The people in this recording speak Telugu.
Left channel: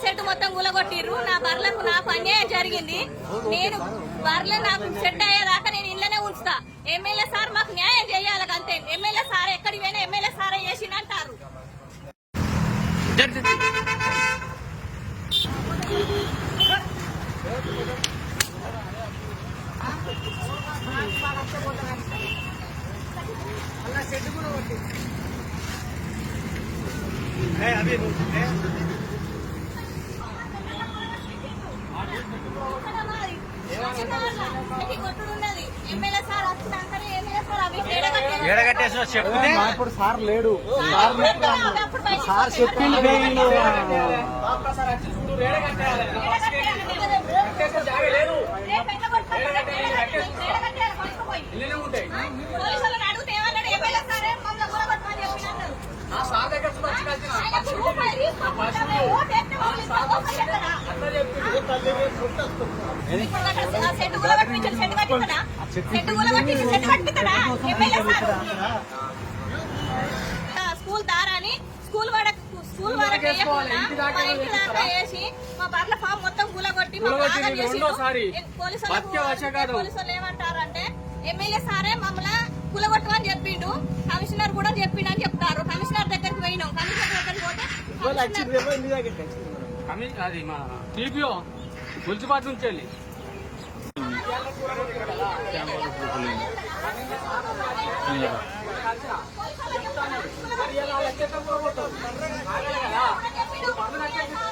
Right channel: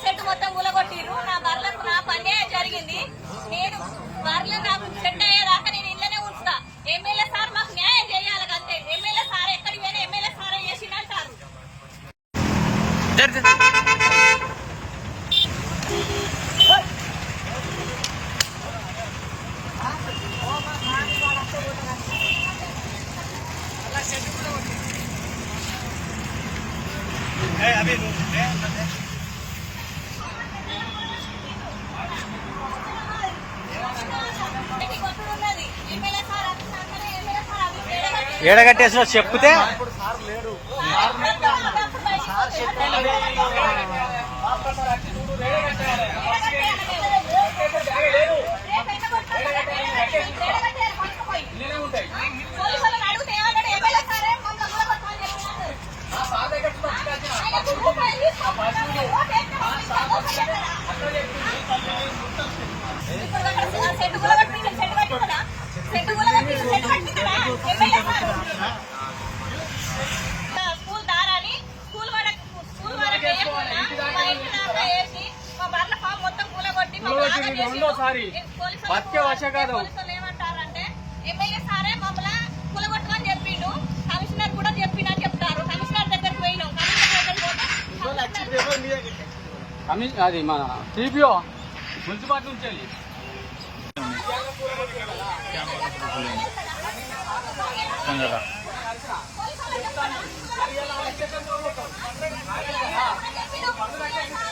సెట్ మొత్తం ఊలగొట్టిర్రు. నా బర్లకు నాకు అన్యాయం జరిగింది. నేను బర్రెలు నాకు సెట్ అయ్యేదాకా నేను ఇళ్ళనే ఉంచుతా. ఎమ్మెల్యే సార్ మాకు న్యాయం చేయాలి అంతే. ఎమ్మెల్యే సార్ ఎక్కడికి పోయినా ఎమ్మెల్యే సారే చేసిందంటారు. ఏడగట్టేసి చెప్తే స్కూల్ దారాని స్కూల్ వేసి మా బర్ల ఫామ్ మొత్తం కూలగొట్టి రెండోసారి ఏమంటారంటే ఎమ్మెల్యే సారే మమ్మల్ని కూలగొట్టమని చెప్పిండు. కమిషనర్ కూడా చెప్పిండు అని చెప్తారు. కమిషనర్ దగ్గరికి పోయినాం. కమిషనర్ దగ్గరికి పోతే అది మన టీపీఓ మున్సిపాలిటీ నుంచి వెళ్ళి చెప్తాను